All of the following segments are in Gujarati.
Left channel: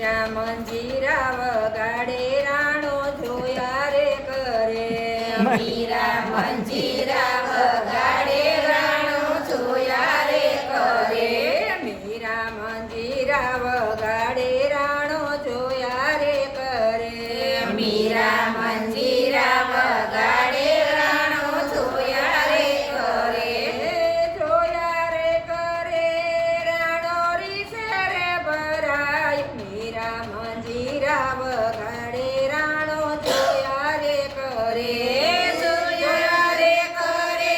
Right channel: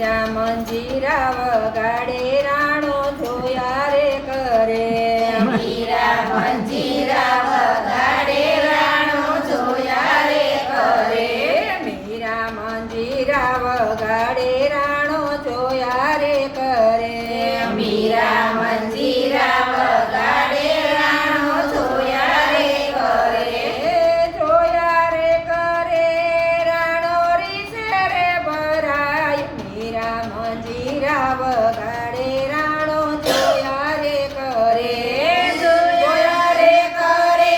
મીરા મંજીરા વગાડે રાણો જોયા રે કરે મીરા મંજીરા વગાડે રાણો જોયા રે કરે મીરા મંજીરા વગાડે રાણો જોયા રે કરે મીરા મંજીરા વગાડે રાણો જોયા રે કરે જોયા રે કરે રાણો રીસે રે ભરાય મીરા મંજીરા વગાડે રાણો જોયા રે કરે જોયા રે કરે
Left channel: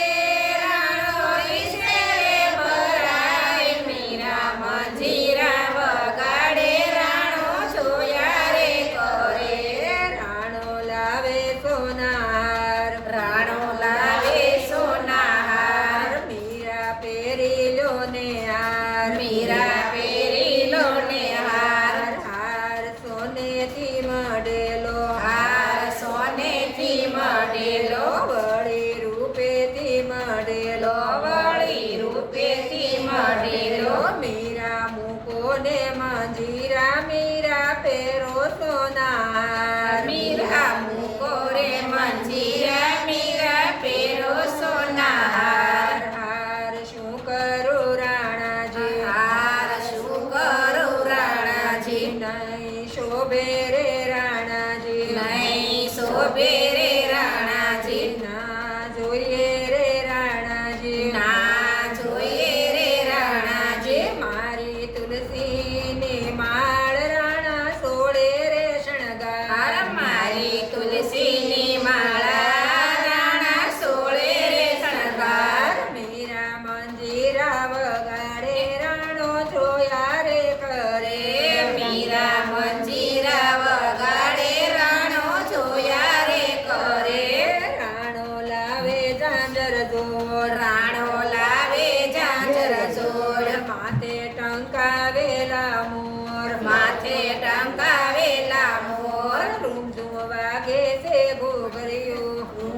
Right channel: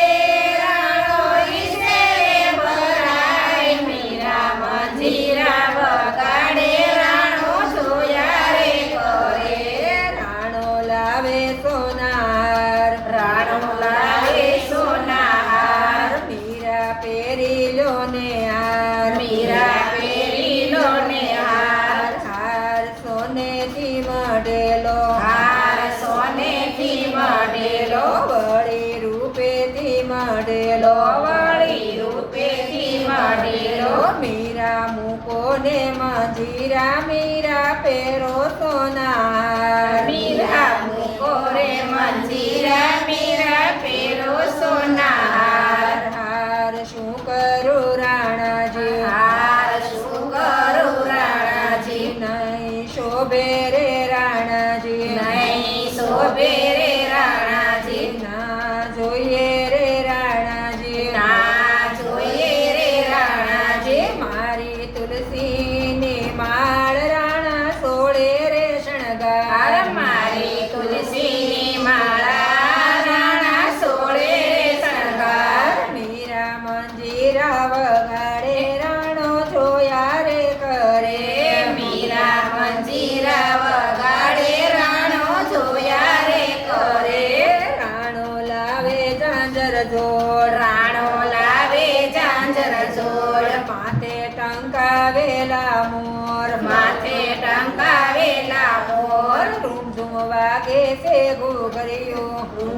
રાણો રીસે રે ભરાય મીરા મંજીરા વગાડે રાણો જોયા રે કરે રાણો લાવે સોનાર રાણો લાવે સોનાહાર મીરા પહેરી લો ને હાર મીરા પહેરી લો ને હાર હાર સોનેથી મઢેલો હાર સોનેથી મઢેલો વળી રૂપેથી મઢેલો વળી રૂપેથી મઢેલો મીરા મૂકો ને મંજીરા મીરા પહેરો સોનાર મીરા મૂકો રે મંજીરા મીરા પહેરો સોનાહાર હાર શું કરું રાણાજી હાર શું કરું રાણાજી નહીં શોભે રે રાણાજી નહીં શોભે રે રાણાજી ના જોઈએ રે રાણાજી ના જોઈએ રે રાણાજી મારી તુલસીની માળ રાણા સોળે રે શણગાર મારી તુલસીની માળા રાણા સોળે રે શણગાર મીરા મંજીરા વગાડે રાણો જોયા રે કરે મીરા મંજીરા વગાડે રાણો જોયા રે કરે રાણો લાવે ઝાંઝર જોડ રાણો લાવે ઝાંઝર જોડ માથે ટંકાવેલા મોર માથે ટંકાવેલા મોર રૂમઝુમ વાગે છે ઘૂઘરીઓ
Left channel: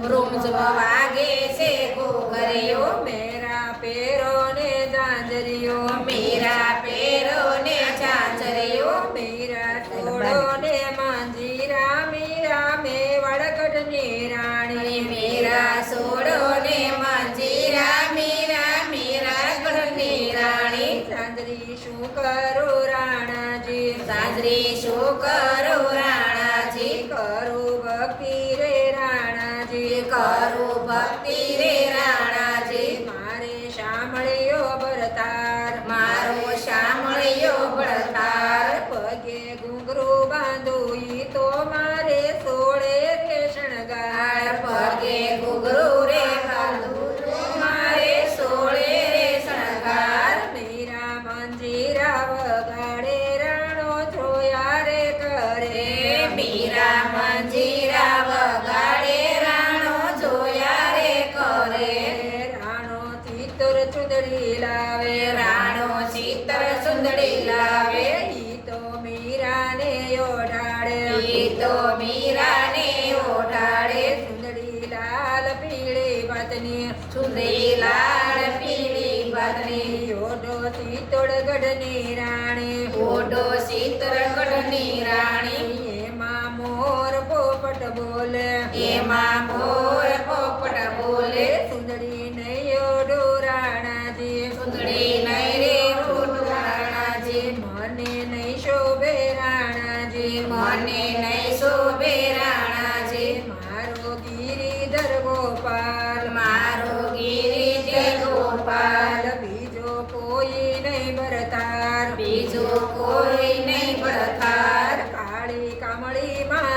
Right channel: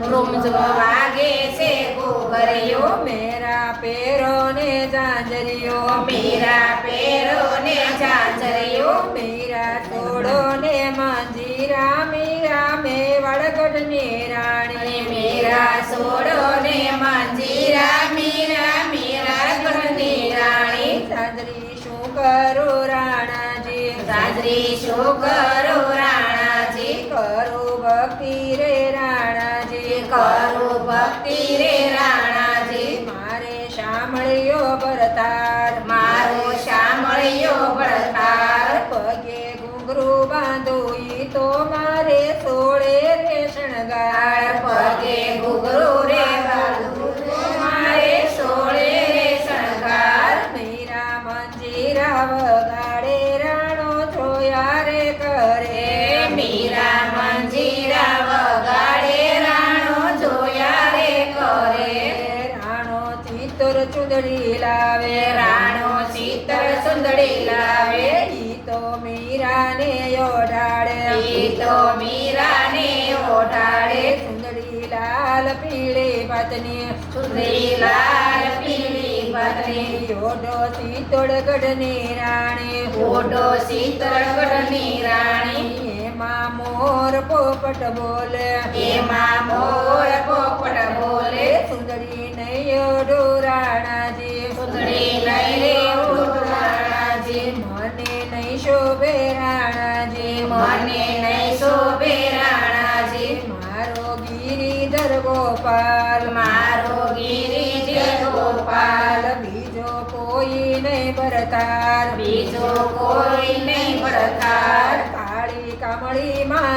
રૂમઝુમ વાગે છે ઘૂઘરીઓ મેરા પેરો ને ઝાંઝરીઓ મીરા પેરો ને ઝાંઝરીઓ મીરા છોડો ને મંજીરા મીરા મેવાડ ગઢની રાણી મીરા સોડો ને મંજીરા મીરા મીરા ગઢની રાણી ઝાંઝરી શું કરું રાણાજી ગાજરી શું કરું રાણાજી કરું ભક્તિ રે રાણાજી કરું ભક્તિ રે રાણાજી મારે સાંભળ્યો ભરતાર મારો શામળિયો બળતાર પગે ઘૂંઘરું બાંધું ઈ તો મારે સોળે રે શણગાર પગે ઘૂઘરું રે બાંધું મારે સોળે રે શણગાર મીરા મંજીરા વગાડે રાણો જોયા રે કરે મીરા મંજીરા વગાડે રાણો જોયા રે કરે રાણો ચિત્તર ચુંદડી લાવે રાણો ચિત્તર સુંદડી લાવે ઈ તો મીરાને ઓઢાડે ઈ તો મીરાને ઓઢાડે ચુંદડી લાલ પીળી પત્ની સુંદરી લાલ પીળી પત્ની ઓઢો ચિત્તોડગઢની રાણી ઓઢો શીતળગઢની રાણી એમાં મોર પોપટ બોલે એમાં મોર પોપટ બોલે સુંદરી નહીં ઓઢો રાણાજી સુંદરી લઈ રે ઓઢ રાણાજી મને નહીં શોભે રાણાજી મને નહીં શોભે રાણાજી મારો ગિરિધર ગોપાલ મારો ગિરિધર ગોપાલ બીજો કોઈ નહીં ભરતાર બીજો કોઈ નહીં બળતાર કાળી કમળી માં